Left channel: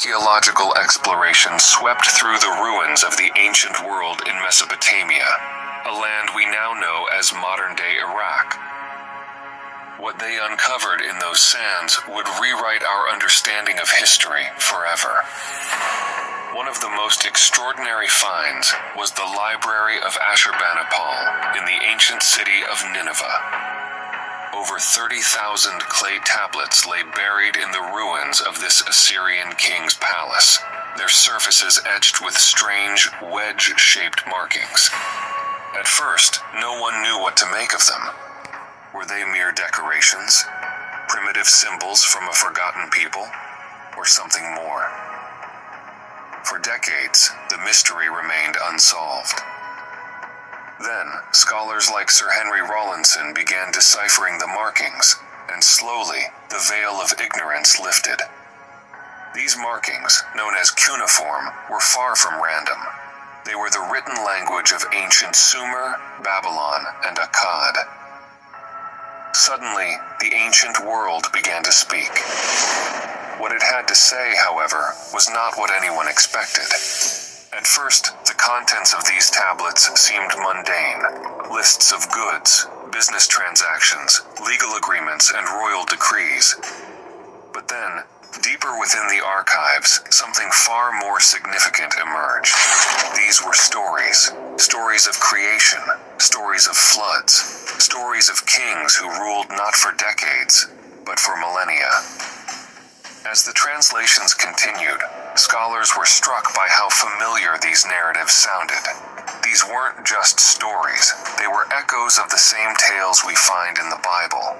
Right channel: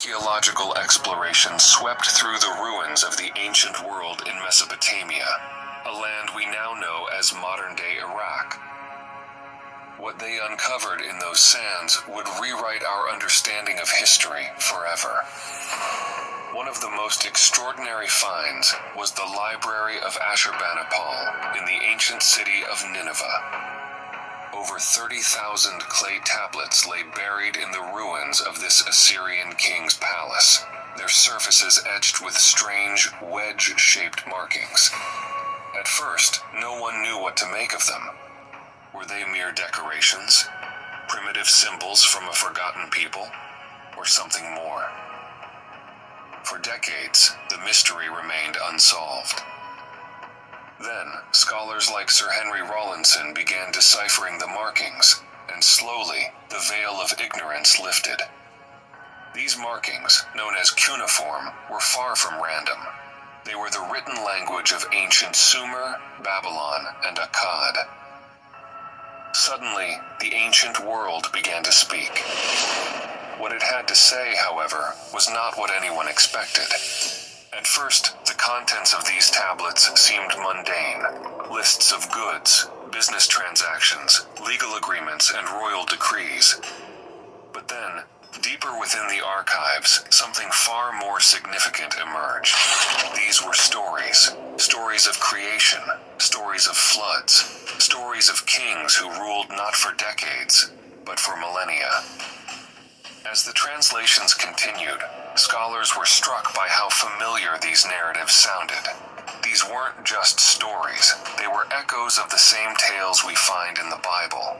Archaeological exploration swept through the ruins of the ancient world in Mesopotamia, a land we now know as modern-day Iraq. What they uncovered in those sands would rewrite our understanding of history forever. One of the most extraordinary finds was the Library of Ashurbanipal in the ancient city of Nineveh. Over 30,000 clay tablets lay buried in the ruins of this Assyrian king's palace, their surfaces etched with strange, wedge-shaped markings. At first, no one knew what to make of them. Were they mere decorations, primitive symbols from a forgotten people, or something more? For decades, the mystery remained unsolved. Then, scholars like Sir Henry Rawlinson began deciphering the markings, and slowly, the veil of ignorance lifted. These markings, known as cuneiform, were far from random. They were the written language of ancient Sumer, Babylon, and Akkad. Suddenly, the ancient world began to speak. What it had to say, however, was not what anyone expected. At first, the contents of these tablets seemed mundane. Lists of goods, business transactions, legal agreements, and royal decrees. But then, deeper within the archives, something far more significant emerged. These were stories. Stories of creation, stories of floods, stories of kings who ruled not for decades, but for millennia. As the translations continued, scholars were struck by how familiar these narratives sounded. These weren't just stories, they were echoes of the same tales we find in the Bible.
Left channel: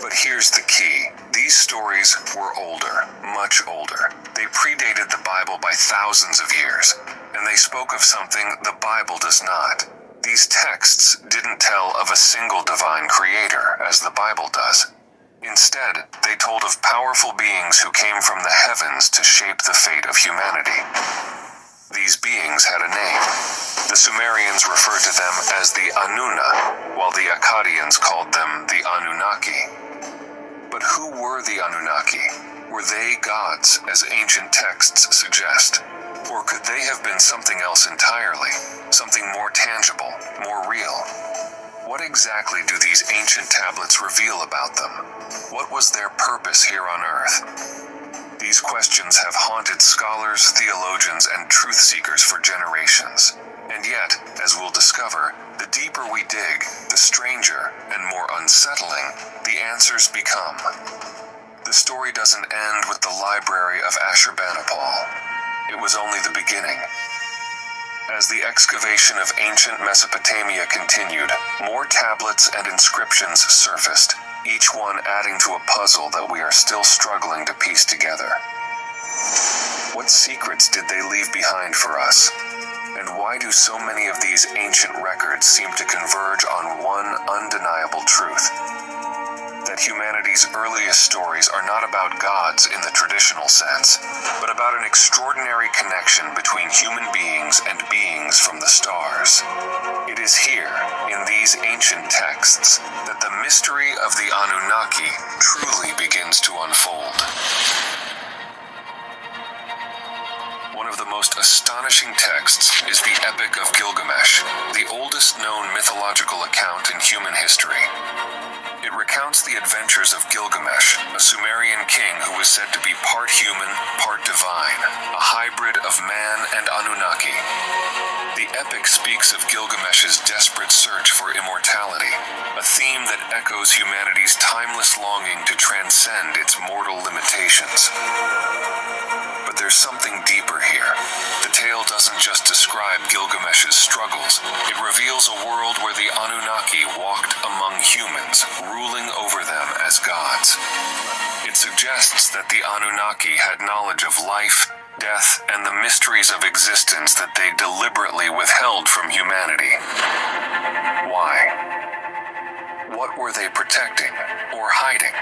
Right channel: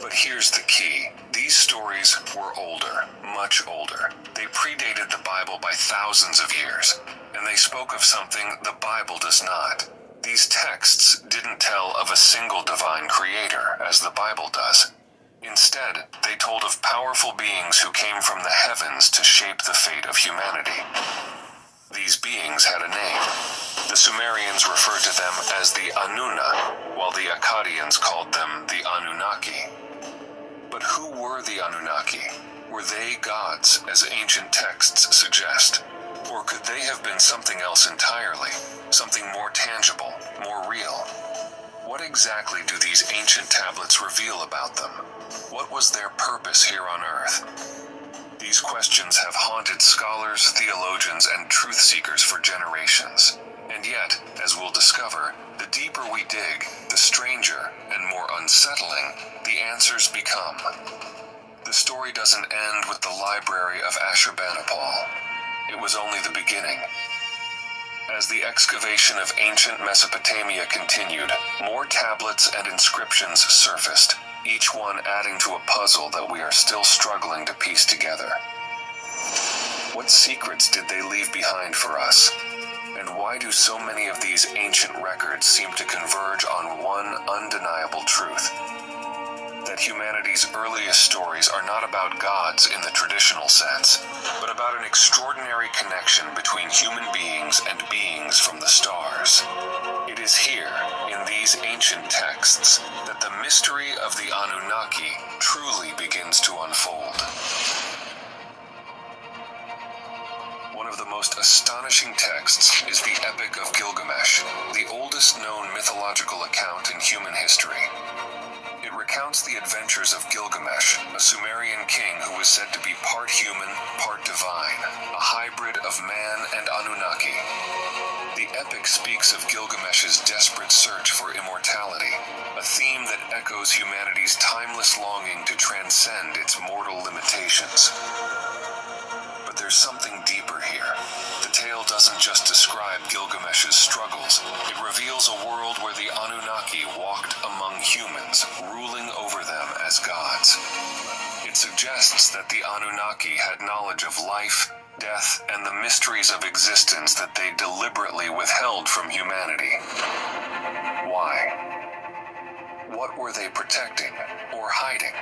But here's the key. These stories were older, much older. They predated the Bible by thousands of years, and they spoke of something the Bible does not. These texts didn't tell of a single divine creator, as the Bible does. Instead, they told of powerful beings who came from the heavens to shape the fate of humanity. These beings had a name. The Sumerians referred to them as the Anuna, while the Akkadians called them the Anunnaki. But who were the Anunnaki? Were they gods, as ancient texts suggest? Or could they have been something else entirely? Something more tangible, more real? What exactly do these ancient tablets reveal about them? What was their purpose here on Earth? These questions have haunted scholars, theologians, and truth seekers for generations. And yet, as we'll discover, the deeper we dig, the stranger and more unsettling the answers become. The story doesn't end with the Library of Ashurbanipal. It was only the beginning. As the excavation of ancient Mesopotamia continued, more tablets and inscriptions surfaced, each one adding to a puzzle that we are still struggling to piece together. What secrets did they leave behind for us? And why do so many of these ancient records seem to converge on one undeniable truth? That humanity's earliest stories are not about gods in the traditional sense, but about an extraordinary connection between human beings and beings from the stars. It is here, in these ancient texts, that the mystery of the Anunnaki truly begins to unfold. One of the most astonishing texts is the Epic of Gilgamesh, the oldest known mythological account in human history. It recounts the adventures of Gilgamesh, a Sumerian king who was said to be part human, part divine, a hybrid of man and Anunnaki. The epic speaks of Gilgamesh's desperate search for immortality, a theme that echoes humanity's timeless longing to transcend its mortal limitations. But there's something deeper here. The tale doesn't just describe Gilgamesh's struggles. It reveals a world where the Anunnaki walked among humans, ruling over them as gods. It suggests that the Anunnaki had knowledge of life, death, and the mysteries of existence that they deliberately withheld from humanity. Why? What were they protecting or hiding?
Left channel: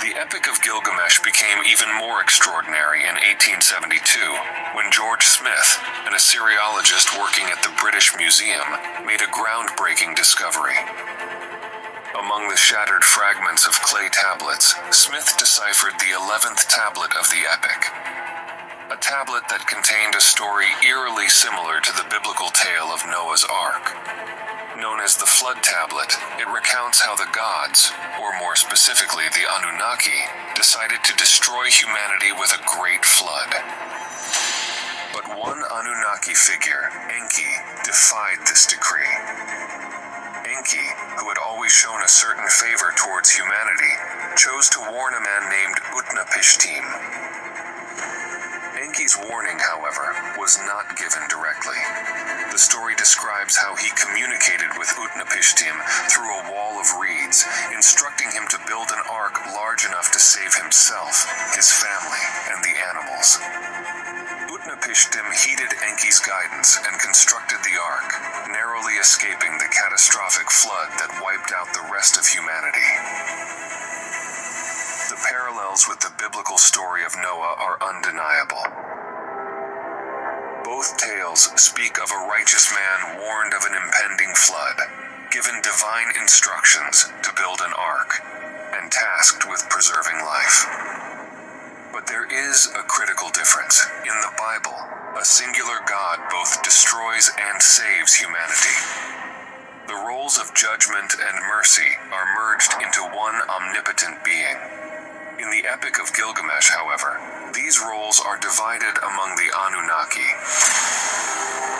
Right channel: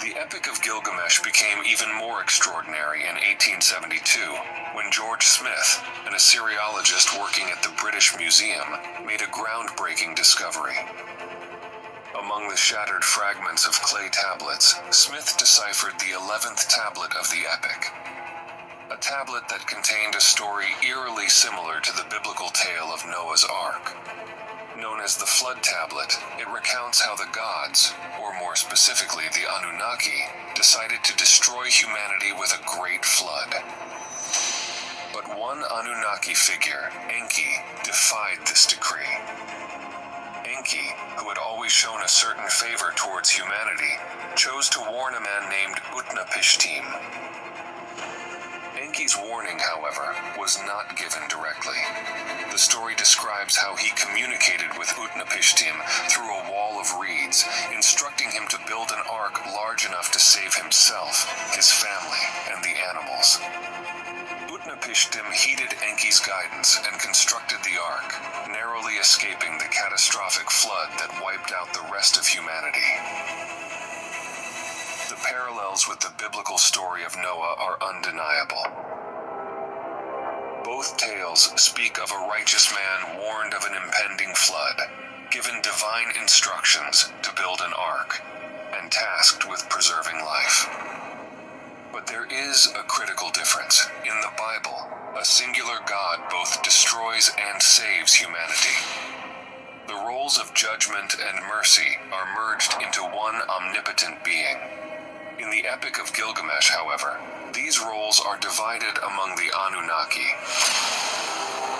The Epic of Gilgamesh became even more extraordinary in 1872, when George Smith, an Assyriologist working at the British Museum, made a groundbreaking discovery. Among the shattered fragments of clay tablets, Smith deciphered the 11th tablet of the epic. A tablet that contained a story eerily similar to the biblical tale of Noah's Ark. Known as the Flood Tablet, it recounts how the gods, or more specifically the Anunnaki, decided to destroy humanity with a great flood. But one Anunnaki figure, Enki, defied this decree. Enki, who had always shown a certain favor towards humanity, chose to warn a man named Utnapishtim. Enki's warning, however, was not given directly. The story describes how he communicated with Utnapishtim through a wall of reeds, instructing him to build an ark large enough to save himself, his family, and the animals. Utnapishtim heeded Enki's guidance and constructed the ark, narrowly escaping the catastrophic flood that wiped out the rest of humanity. The parallels with the biblical story of Noah are undeniable. Both tales speak of a righteous man warned of an impending flood, given divine instructions to build an ark, and tasked with preserving life. But there is a critical difference. In the Bible, a singular God both destroys and saves humanity. The roles of judgment and mercy are merged into one omnipotent being. In the Epic of Gilgamesh, however, these roles are divided among the Anunnaki.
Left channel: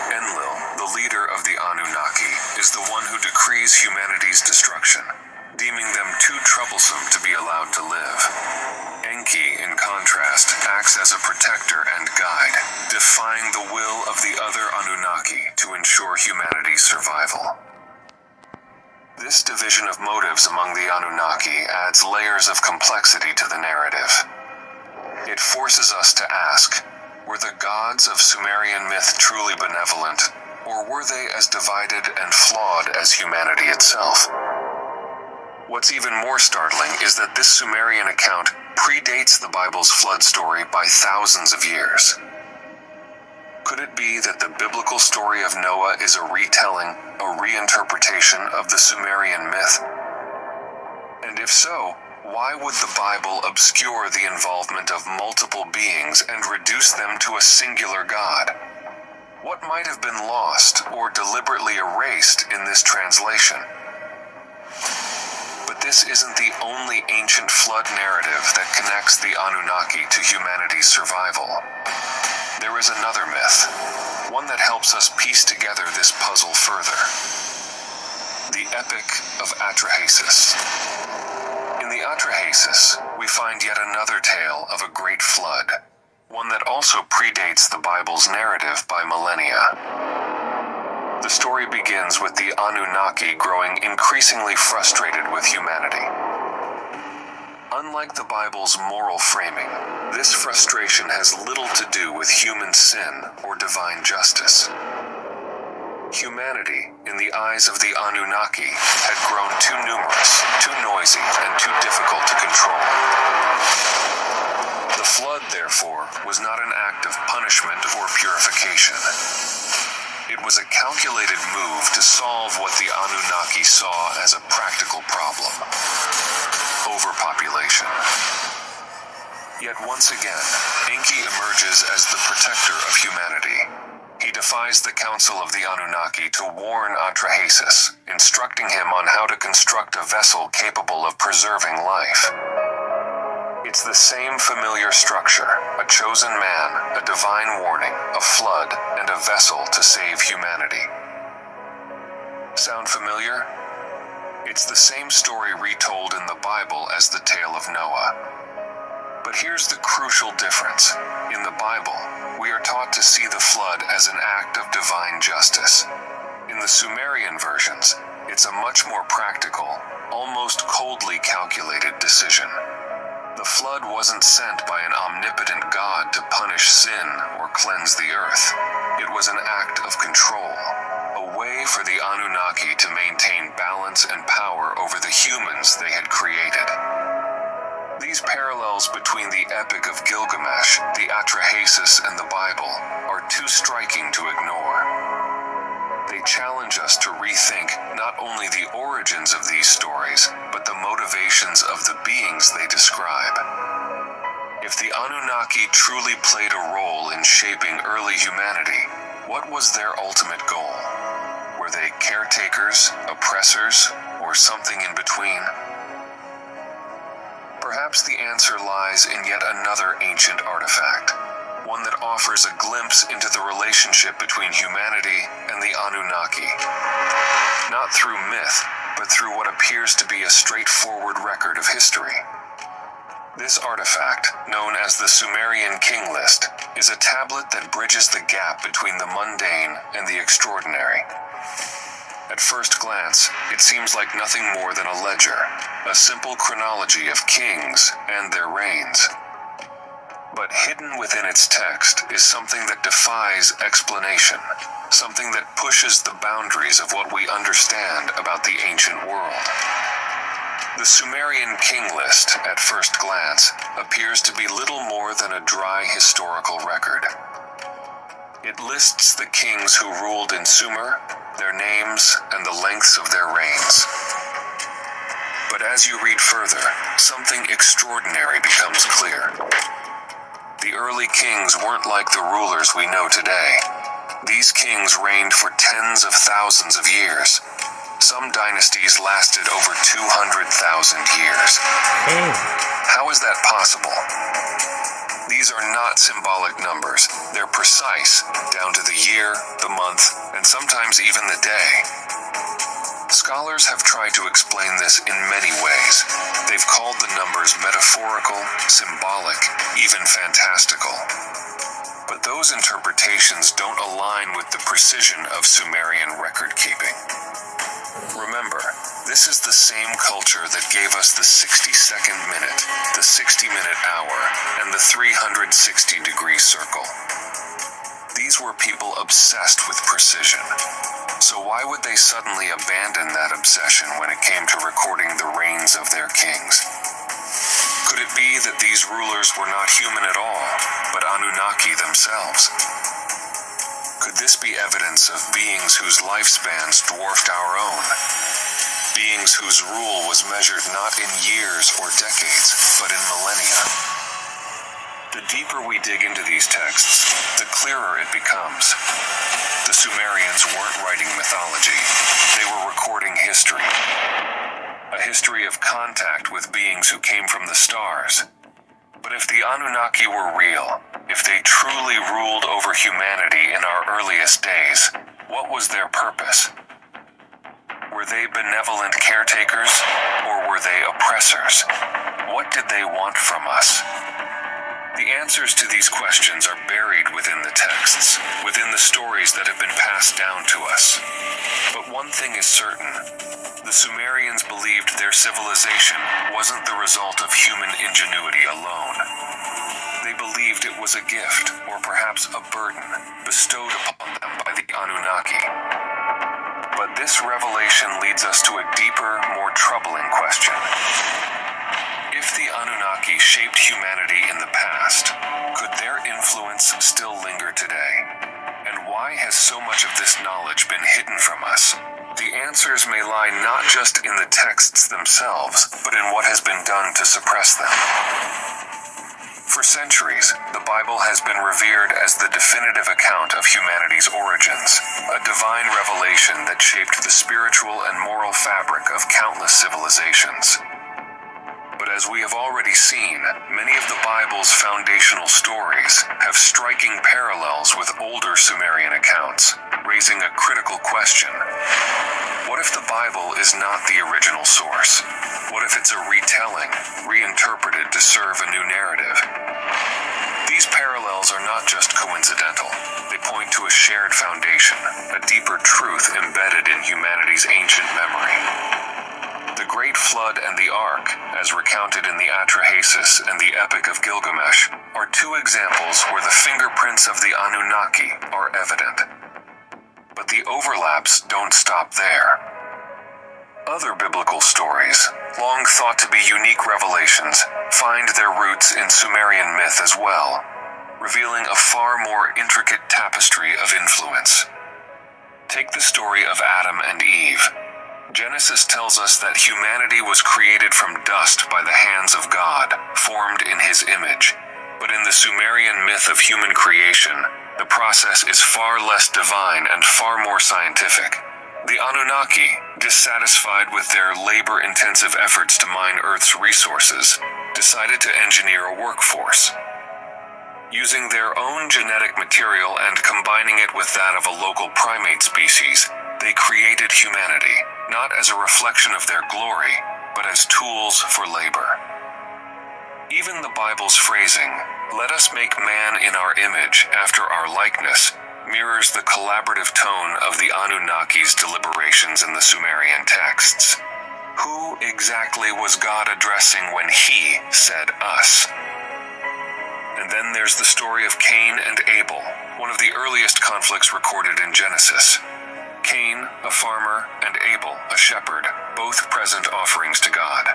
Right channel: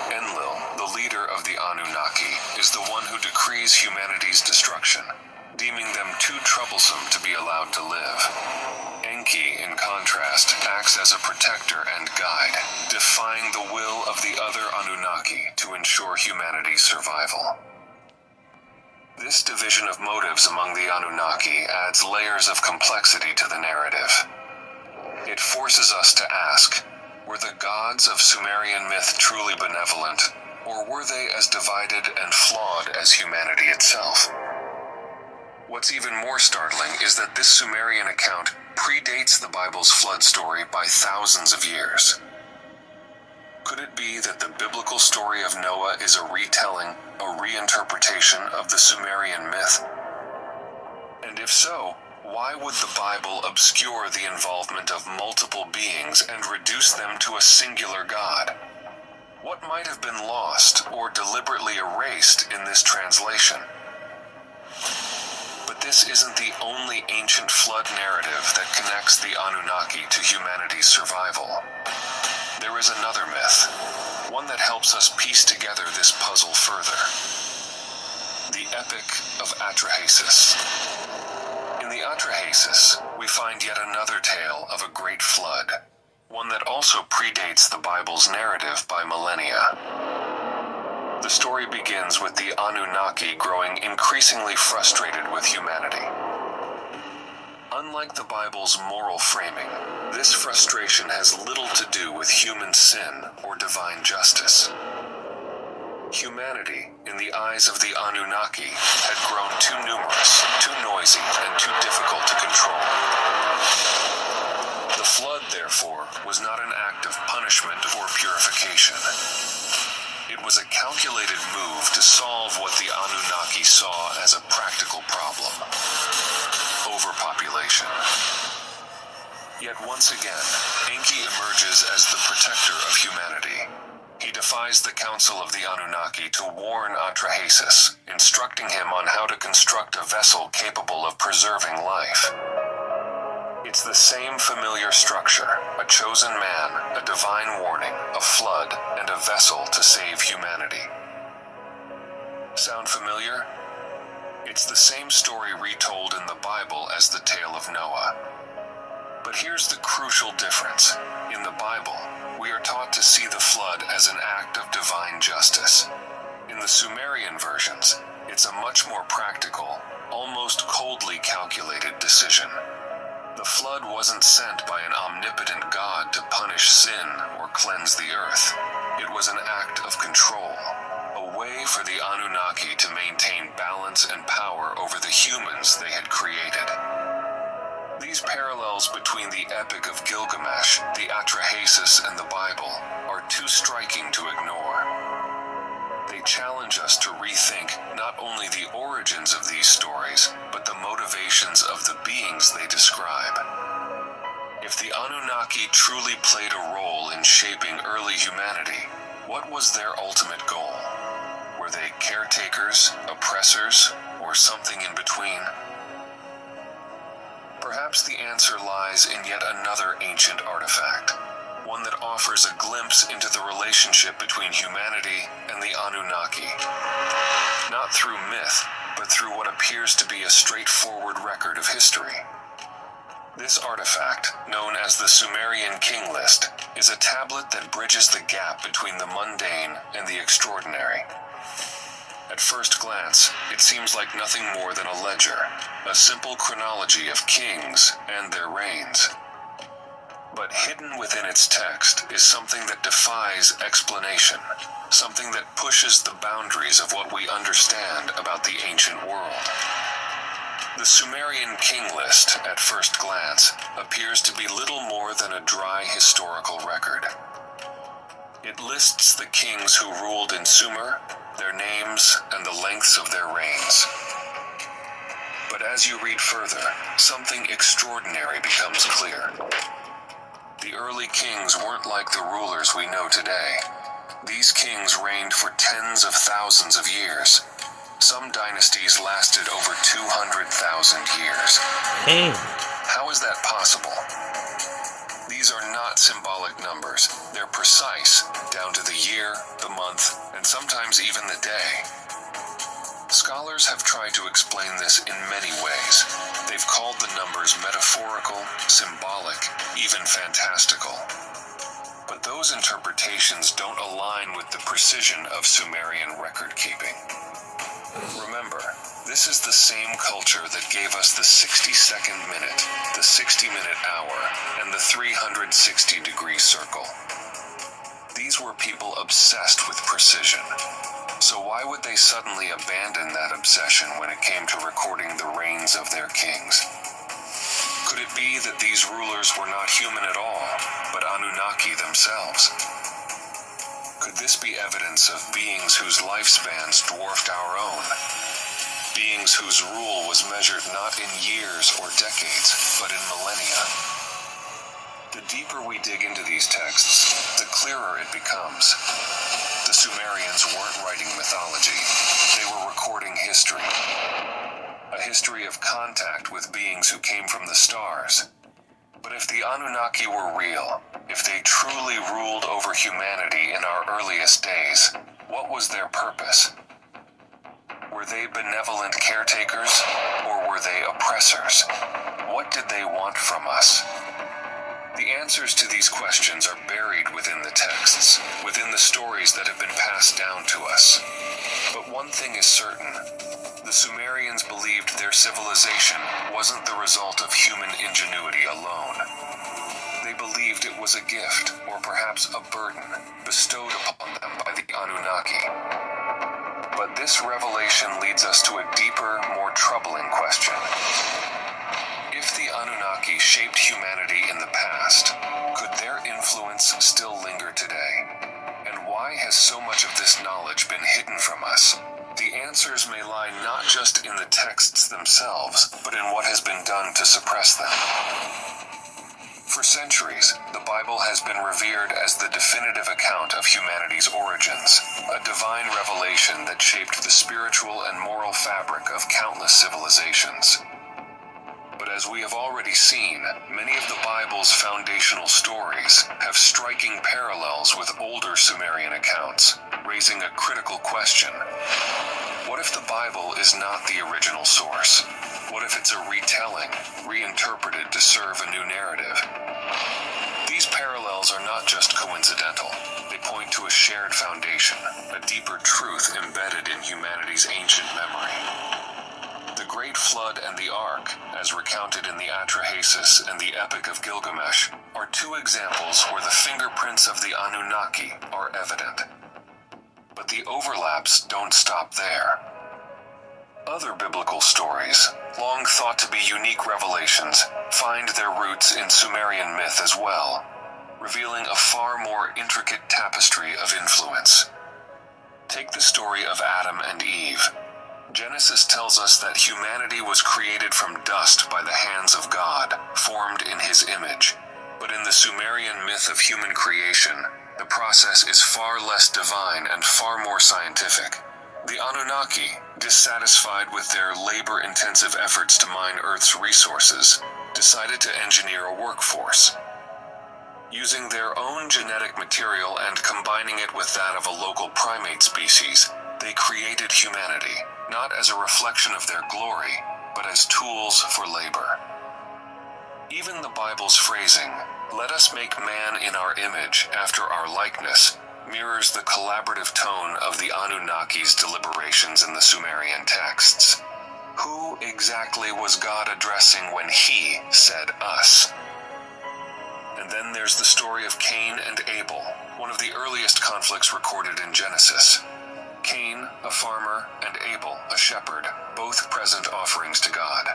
Enlil, the leader of the Anunnaki, is the one who decrees humanity's destruction, deeming them too troublesome to be allowed to live. Enki, in contrast, acts as a protector and guide, defying the will of the other Anunnaki to ensure humanity's survival. This division of motives among the Anunnaki adds layers of complexity to the narrative. It forces us to ask, were the gods of Sumerian myth truly benevolent, or were they as divided and flawed as humanity itself? What's even more startling is that this Sumerian account predates the Bible's flood story by thousands of years. Could it be that the biblical story of Noah is a retelling, a reinterpretation of the Sumerian myth? And if so, why would the Bible obscure the involvement of multiple beings and reduce them to a singular God? What might have been lost or deliberately erased in this translation? But this isn't the only ancient flood narrative that connects the Anunnaki to humanity's survival. There is another myth, one that helps us piece together this puzzle further. The Epic of Atrahasis. In the Atrahasis, we find yet another tale of a great flood, one that also predates the Bible's narrative by millennia. The story begins with the Anunnaki growing increasingly frustrated with humanity. Unlike the Bible's moral framing, this frustration has little to do with human sin or divine justice. Humanity, in the eyes of the Anunnaki, had grown too numerous, too noisy, and too difficult to control. The flood, therefore, was not an act of punishment or purification. It was a calculated move to solve what the Anunnaki saw as a practical problem: overpopulation. Yet once again, Enki emerges as the protector of humanity. He defies the council of the Anunnaki to warn Atrahasis, instructing him on how to construct a vessel capable of preserving life. It's the same familiar structure: a chosen man, a divine warning, a flood, and a vessel to save humanity. Sound familiar? It's the same story retold in the Bible as the tale of Noah. But here's the crucial difference. In the Bible, we are taught to see the flood as an act of divine justice. In the Sumerian versions, it's a much more practical, almost coldly calculated decision. The flood wasn't sent by an omnipotent God to punish sin or cleanse the earth. It was an act of control, a way for the Anunnaki to maintain balance and power over the humans they had created. These parallels between the Epic of Gilgamesh, the Atrahasis, and the Bible are too striking to ignore. They They challenge us to rethink not only the origins of these stories, but the motivations of the beings they describe. If the Anunnaki truly played a role in shaping early humanity, what was their ultimate goal? Were they caretakers, oppressors, or something in between? Perhaps the answer lies in yet another ancient artifact, one that offers a glimpse into the relationship between humanity and the Anunnaki. Not through myth, but through what appears to be a straightforward record of history. This artifact, known as the Sumerian King List, is a tablet that bridges the gap between the mundane and the extraordinary. At first glance, it seems like nothing more than a ledger, a simple chronology of kings and their reigns. But hidden within its text is something that defies explanation, something that pushes the boundaries of what we understand about the ancient world. The Sumerian King List, at first glance, appears to be little more than a dry historical record. It lists the kings who ruled in Sumer, their names, and the lengths of their reigns. But as you read further, something extraordinary becomes clear. The early kings weren't like the rulers we know today. These kings reigned for tens of thousands of years. Some dynasties lasted over 200,000 years. How is that possible? These are not symbolic numbers. They're precise, down to the year, the month, and sometimes even the day. Scholars have tried to explain this in many ways. They've called the numbers metaphorical, symbolic, even fantastical. But those interpretations don't align with the precision of Sumerian record-keeping. Remember, this is the same culture that gave us the 60-second minute, the 60-minute hour, and the 360-degree circle. These were people obsessed with precision. So why would they suddenly abandon that obsession when it came to recording the reigns of their kings? Could it be that these rulers were not human at all, but Anunnaki themselves? Could this be evidence of beings whose lifespans dwarfed our own? Beings whose rule was measured not in years or decades, but in millennia? The deeper we dig into these texts, the clearer it becomes. The Sumerians weren't writing mythology. They were recording history. A history of contact with beings who came from the stars. But if the Anunnaki were real, if they truly ruled over humanity in our earliest days, what was their purpose? Were they benevolent caretakers, or were they oppressors? What did they want from us? The answers to these questions are buried within the texts, within the stories that have been passed down to us. But one thing is certain. The Sumerians believed their civilization wasn't the result of human ingenuity alone. They believed it was a gift, or perhaps a burden, bestowed upon them by the Anunnaki. But this revelation leads us to a deeper, more troubling question. If the Anunnaki shaped humanity in the past, could their influence still linger today? And why has so much of this knowledge been hidden from us? The answers may lie not just in the texts themselves, but in what has been done to suppress them. For centuries, the Bible has been revered as the definitive account of humanity's origins, a divine revelation that shaped the spiritual and moral fabric of countless civilizations. But as we have already seen, many of the Bible's foundational stories have striking parallels with older Sumerian accounts, raising a critical question. What if the Bible is not the original source? What if it's a retelling, reinterpreted to serve a new narrative? These parallels are not just coincidental. They point to a shared foundation, a deeper truth embedded in humanity's ancient memory. The Great Flood and the Ark, as recounted in the Atrahasis and the Epic of Gilgamesh, are two examples where the fingerprints of the Anunnaki are evident. But the overlaps don't stop there. Other biblical stories, long thought to be unique revelations, find their roots in Sumerian myth as well, revealing a far more intricate tapestry of influence. Take the story of Adam and Eve. Genesis tells us that humanity was created from dust by the hands of God, formed in His image. But in the Sumerian myth of human creation, the process is far less divine and far more scientific. The Anunnaki, dissatisfied with their labor-intensive efforts to mine Earth's resources, decided to engineer a workforce. Using their own genetic material and combining it with that of a local primate species, they created humanity, not as a reflection of their glory, but as tools for labor. Even the Bible's phrasing, "Let us make man in our image, after our likeness," mirrors the collaborative tone of the Anunnaki's deliberations in the Sumerian texts. Who exactly was God addressing when He said us? And then there's the story of Cain and Abel, one of the earliest conflicts recorded in Genesis. Cain, a farmer, and Abel, a shepherd, both present offerings to God.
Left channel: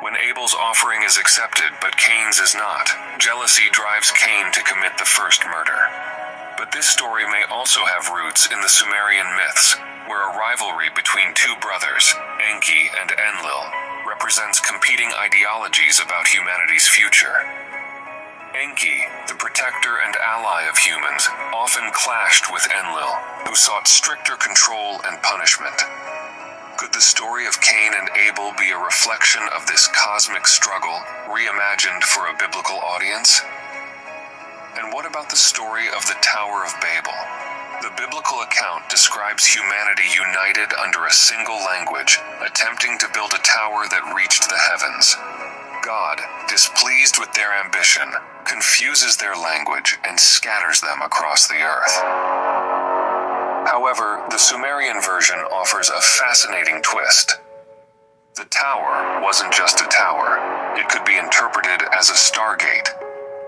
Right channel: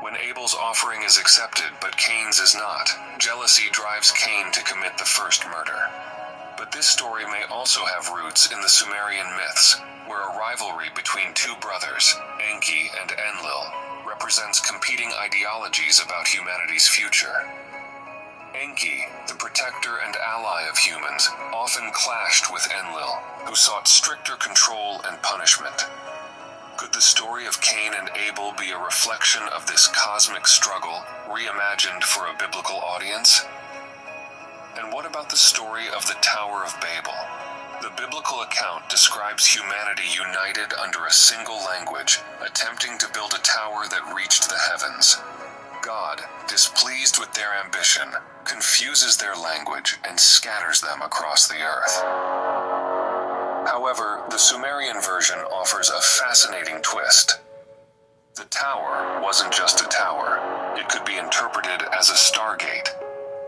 When Abel's offering is accepted but Cain's is not, jealousy drives Cain to commit the first murder. But this story may also have roots in the Sumerian myths, where a rivalry between two brothers, Enki and Enlil, represents competing ideologies about humanity's future. Enki, the protector and ally of humans, often clashed with Enlil, who sought stricter control and punishment. Could the story of Cain and Abel be a reflection of this cosmic struggle, reimagined for a biblical audience? And what about the story of the Tower of Babel? The biblical account describes humanity united under a single language, attempting to build a tower that reached the heavens. God, displeased with their ambition, confuses their language and scatters them across the earth. However, the Sumerian version offers a fascinating twist. The tower wasn't just a tower. It could be interpreted as a stargate,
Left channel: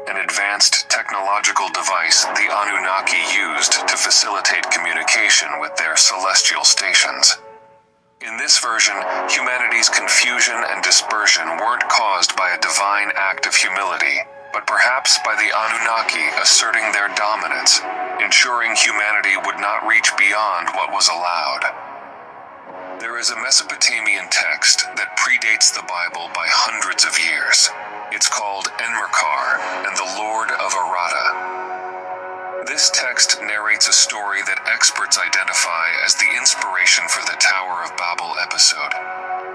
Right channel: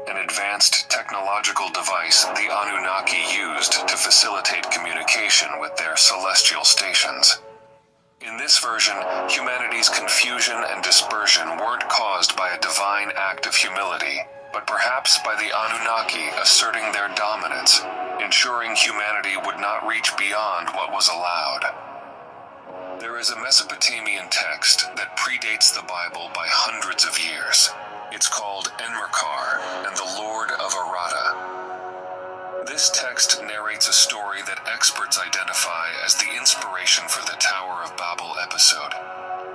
an advanced technological device the Anunnaki used to facilitate communication with their celestial stations. In this version, humanity's confusion and dispersion weren't caused by a divine act of humility, but perhaps by the Anunnaki asserting their dominance, ensuring humanity would not reach beyond what was allowed. There is a Mesopotamian text that predates the Bible by hundreds of years. It's called Enmerkar and the Lord of Aratta. This text narrates a story that experts identify as the inspiration for the Tower of Babel episode.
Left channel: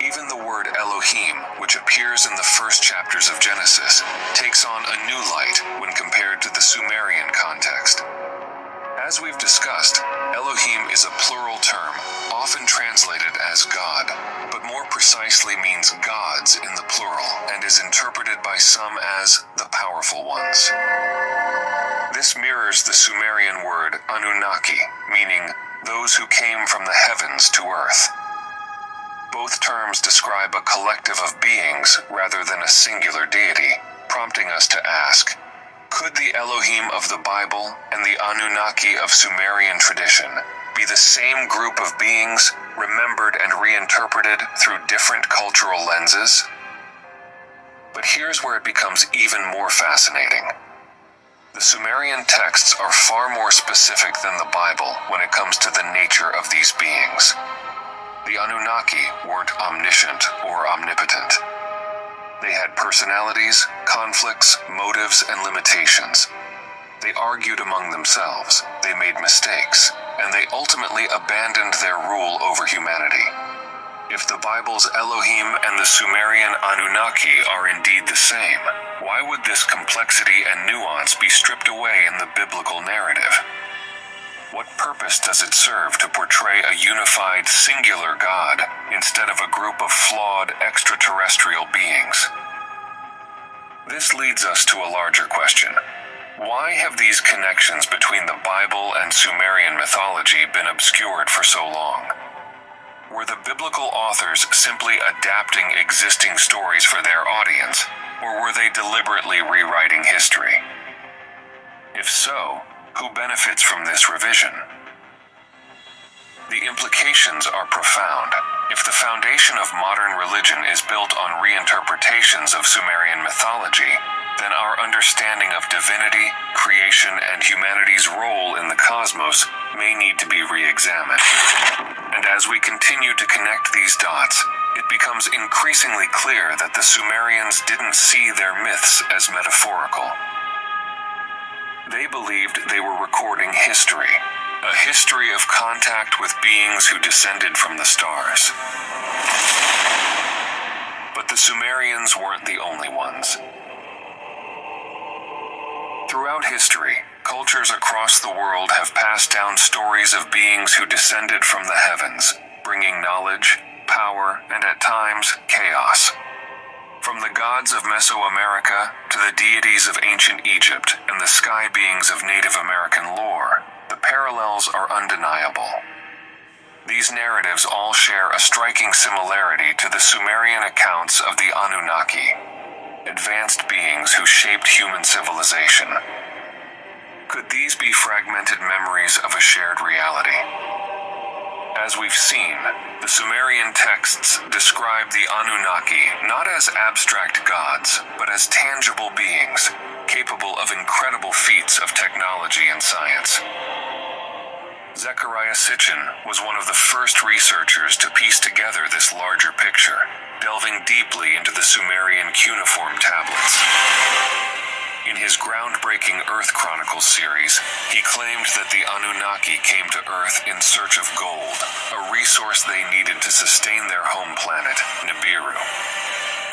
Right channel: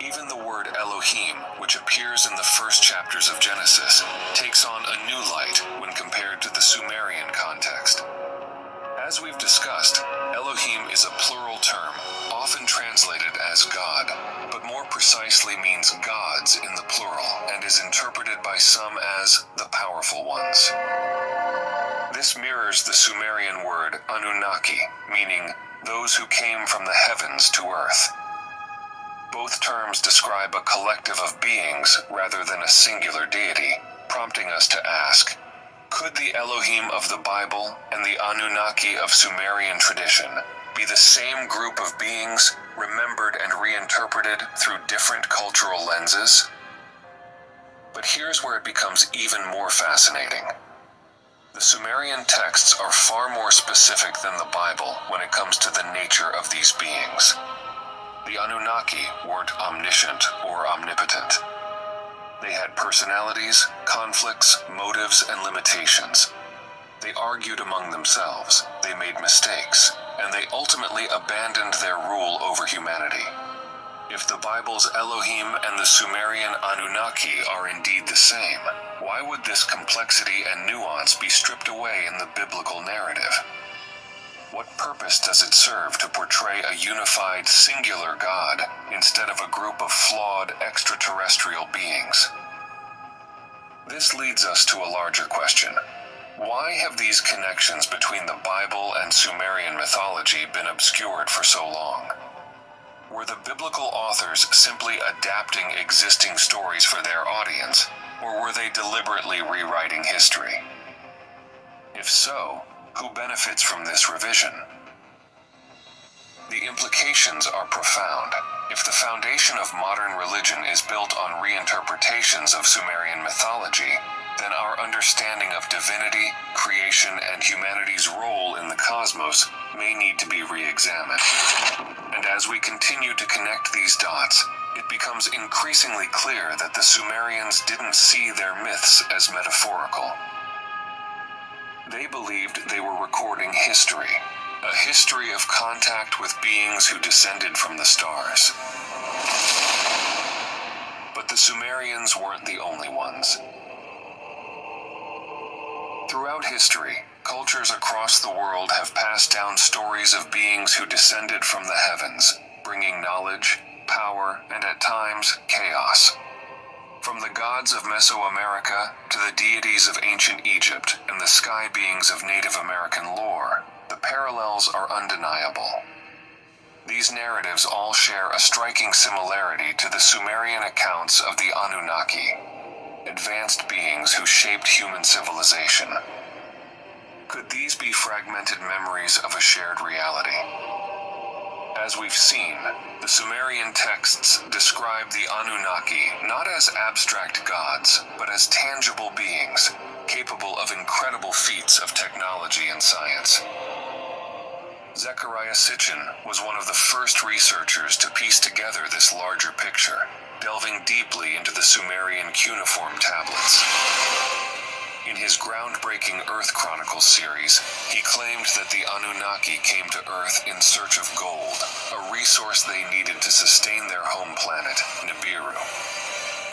Even the word Elohim, which appears in the first chapters of Genesis, takes on a new light when compared to the Sumerian context. As we've discussed, Elohim is a plural term, often translated as God, but more precisely means gods in the plural, and is interpreted by some as the powerful ones. This mirrors the Sumerian word Anunnaki, meaning those who came from the heavens to earth. Both terms describe a collective of beings rather than a singular deity, prompting us to ask, could the Elohim of the Bible and the Anunnaki of Sumerian tradition be the same group of beings, remembered and reinterpreted through different cultural lenses? But here's where it becomes even more fascinating. The Sumerian texts are far more specific than the Bible when it comes to the nature of these beings. The Anunnaki weren't omniscient or omnipotent. They had personalities, conflicts, motives, and limitations. They argued among themselves, they made mistakes, and they ultimately abandoned their rule over humanity. If the Bible's Elohim and the Sumerian Anunnaki are indeed the same, why would this complexity and nuance be stripped away in the biblical narrative? What purpose does it serve to portray a unified, singular God instead of a group of flawed, extraterrestrial beings? This leads us to a larger question. Why have these connections between the Bible and Sumerian mythology been obscured for so long? Were the biblical authors simply adapting existing stories for their audience, or were they deliberately rewriting history? If so, who benefits from this revision? The implications are profound. If the foundation of modern religion is built on reinterpretations of Sumerian mythology, then our understanding of divinity, creation, and humanity's role in the cosmos may need to be re-examined. And as we continue to connect these dots, it becomes increasingly clear that the Sumerians didn't see their myths as metaphorical. They believed they were recording history, a history of contact with beings who descended from the stars. But the Sumerians weren't the only ones. Throughout history, cultures across the world have passed down stories of beings who descended from the heavens, bringing knowledge, power, and at times, chaos. From the gods of Mesoamerica to the deities of ancient Egypt and the sky beings of Native American lore, the parallels are undeniable. These narratives all share a striking similarity to the Sumerian accounts of the Anunnaki, advanced beings who shaped human civilization. Could these be fragmented memories of a shared reality? As we've seen, the Sumerian texts describe the Anunnaki not as abstract gods, but as tangible beings, capable of incredible feats of technology and science. Zecharia Sitchin was one of the first researchers to piece together this larger picture, delving deeply into the Sumerian cuneiform tablets. In his groundbreaking Earth Chronicles series, he claimed that the Anunnaki came to Earth in search of gold, a resource they needed to sustain their home planet, Nibiru.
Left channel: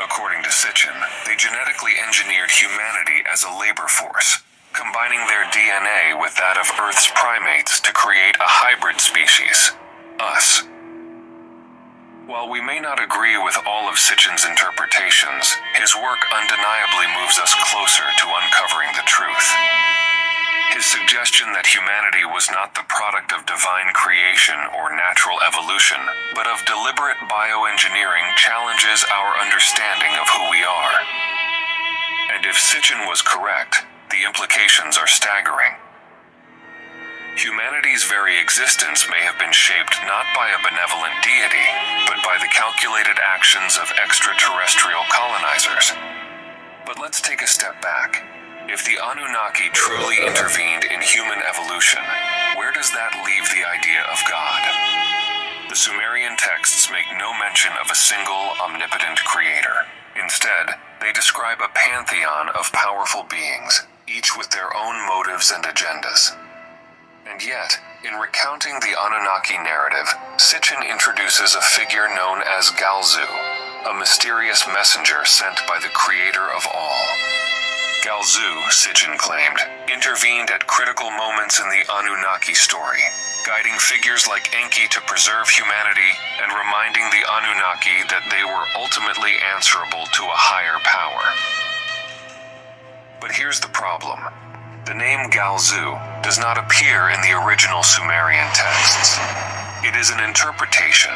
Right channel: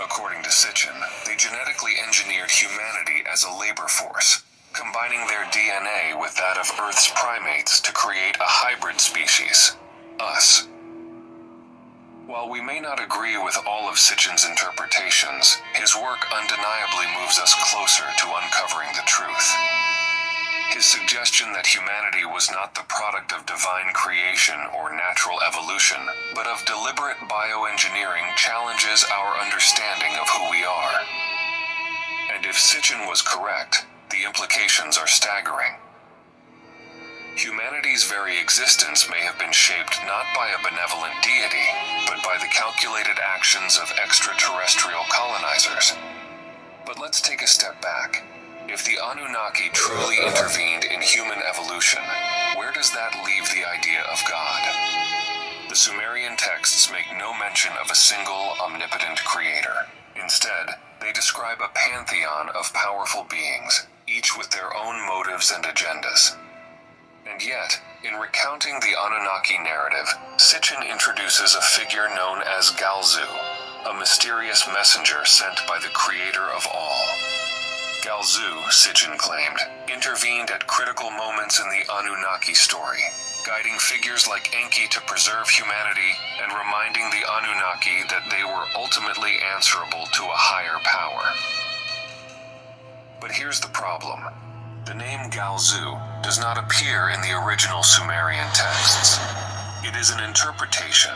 According to Sitchin, they genetically engineered humanity as a labor force, combining their DNA with that of Earth's primates to create a hybrid species, us. While we may not agree with all of Sitchin's interpretations, his work undeniably moves us closer to uncovering the truth. His suggestion that humanity was not the product of divine creation or natural evolution, but of deliberate bioengineering challenges our understanding of who we are. And if Sitchin was correct, the implications are staggering. Humanity's very existence may have been shaped not by a benevolent deity, but by the calculated actions of extraterrestrial colonizers. But let's take a step back. If the Anunnaki truly intervened in human evolution, where does that leave the idea of God? The Sumerian texts make no mention of a single omnipotent creator. Instead, they describe a pantheon of powerful beings, each with their own motives and agendas. And yet, in recounting the Anunnaki narrative, Sitchin introduces a figure known as Galzu, a mysterious messenger sent by the creator of all. Galzu, Sitchin claimed, intervened at critical moments in the Anunnaki story, guiding figures like Enki to preserve humanity and reminding the Anunnaki that they were ultimately answerable to a higher power. But here's the problem. The name Galzu does not appear in the original Sumerian texts. It is an interpretation,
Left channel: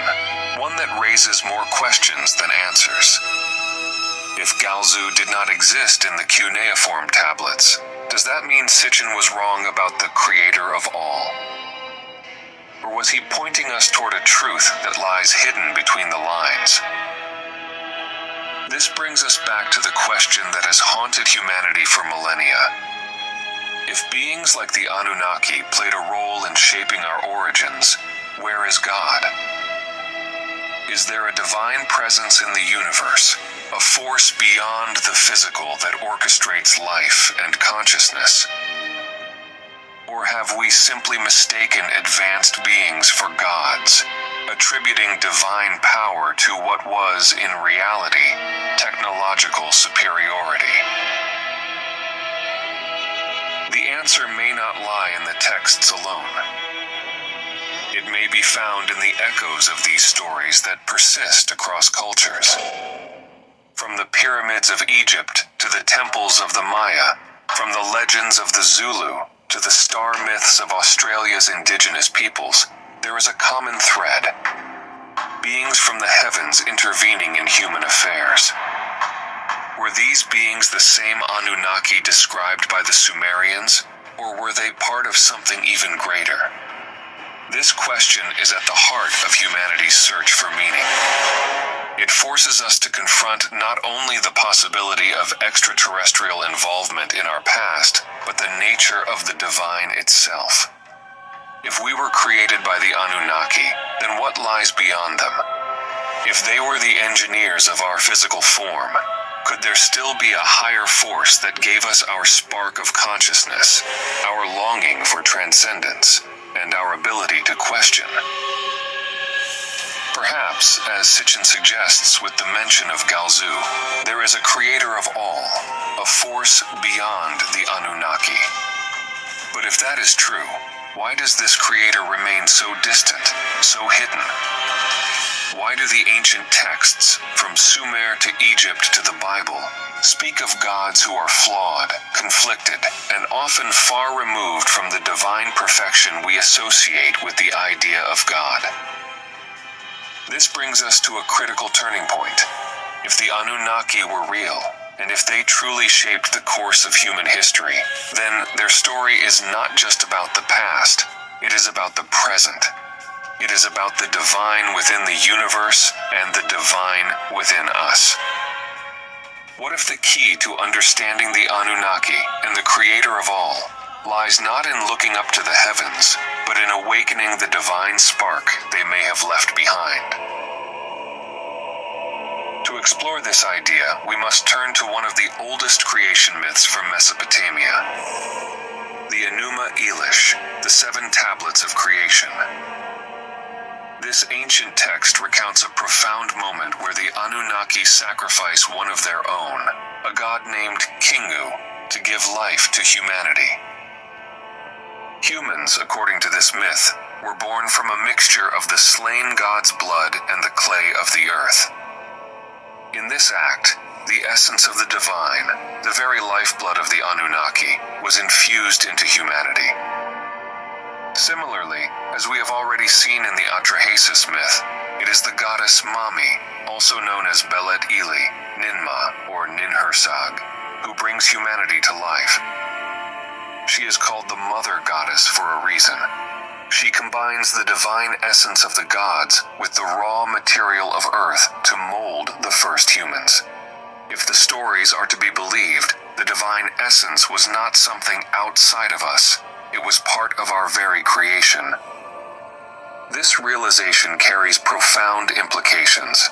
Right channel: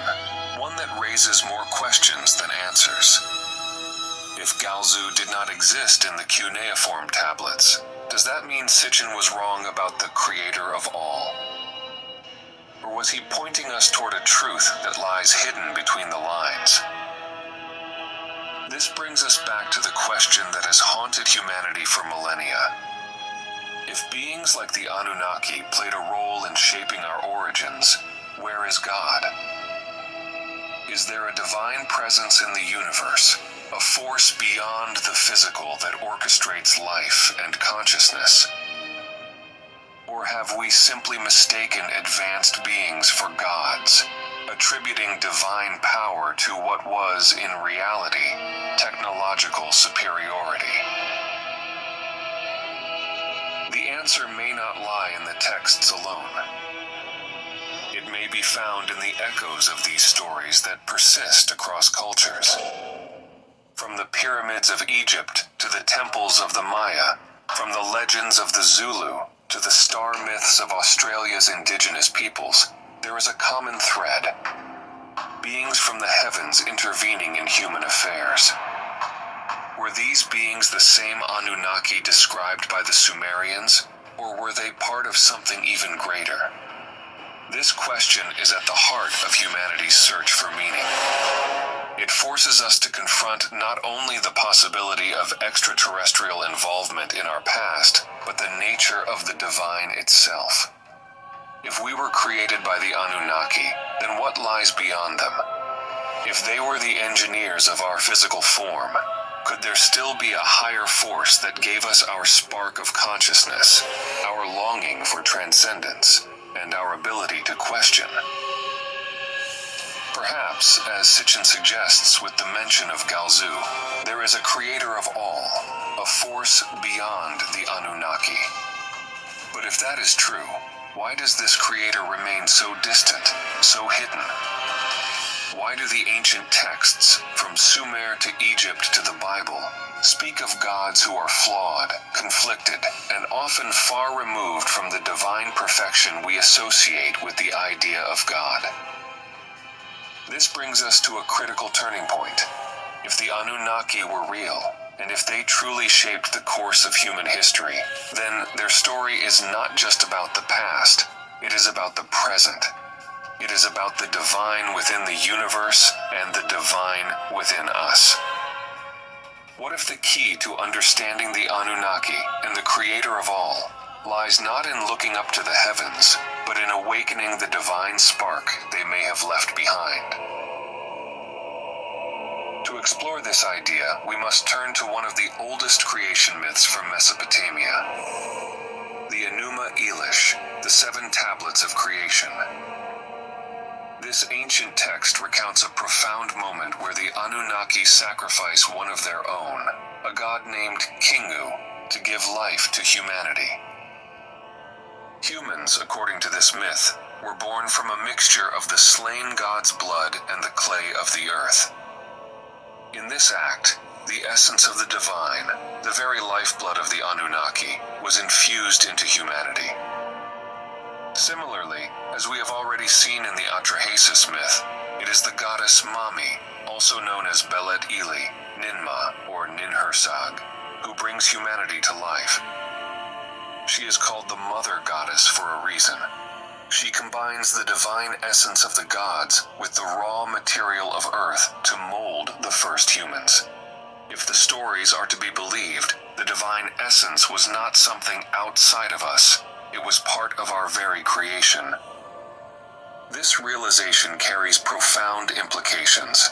one that raises more questions than answers. If Galzu did not exist in the cuneiform tablets, does that mean Sitchin was wrong about the creator of all? Or was he pointing us toward a truth that lies hidden between the lines? This brings us back to the question that has haunted humanity for millennia. If beings like the Anunnaki played a role in shaping our origins, where is God? Is there a divine presence in the universe, a force beyond the physical that orchestrates life and consciousness? Or have we simply mistaken advanced beings for gods, attributing divine power to what was, in reality, technological superiority? The answer may not lie in the texts alone. It may be found in the echoes of these stories that persist across cultures. From the pyramids of Egypt to the temples of the Maya, from the legends of the Zulu to the star myths of Australia's indigenous peoples, there is a common thread: beings from the heavens intervening in human affairs. Were these beings the same Anunnaki described by the Sumerians, or were they part of something even greater? This question is at the heart of humanity's search for meaning. It forces us to confront not only the possibility of extraterrestrial involvement in our past, but the nature of the divine itself. If we were created by the Anunnaki, then what lies beyond them? If they were the engineers of our physical form, could there still be a higher force that gave us our spark of consciousness, our longing for transcendence, and our ability to question? Perhaps, as Sitchin suggests with the mention of Galzu, there is a creator of all, a force beyond the Anunnaki. But if that is true, why does this creator remain so distant, so hidden? Why do the ancient texts, from Sumer to Egypt to the Bible, speak of gods who are flawed, conflicted, and often far removed from the divine perfection we associate with the idea of God? This brings us to a critical turning point. If the Anunnaki were real, and if they truly shaped the course of human history, then their story is not just about the past, it is about the present. It is about the divine within the universe and the divine within us. What if the key to understanding the Anunnaki and the creator of all lies not in looking up to the heavens, but in awakening the divine spark they may have left behind? To explore this idea, we must turn to one of the oldest creation myths from Mesopotamia, the Enuma Elish, the 7 tablets of creation. This ancient text recounts a profound moment where the Anunnaki sacrifice one of their own, a god named Kingu, to give life to humanity. Humans, according to this myth, were born from a mixture of the slain god's blood and the clay of the earth. In this act, the essence of the divine, the very lifeblood of the Anunnaki, was infused into humanity. Similarly, as we have already seen in the Atrahasis myth, it is the goddess Mami, also known as Belet Eli, Ninmah, or Ninhursag, who brings humanity to life. She is called the Mother Goddess for a reason. She combines the divine essence of the gods with the raw material of Earth to mold the first humans. If the stories are to be believed, the divine essence was not something outside of us. It was part of our very creation. This realization carries profound implications.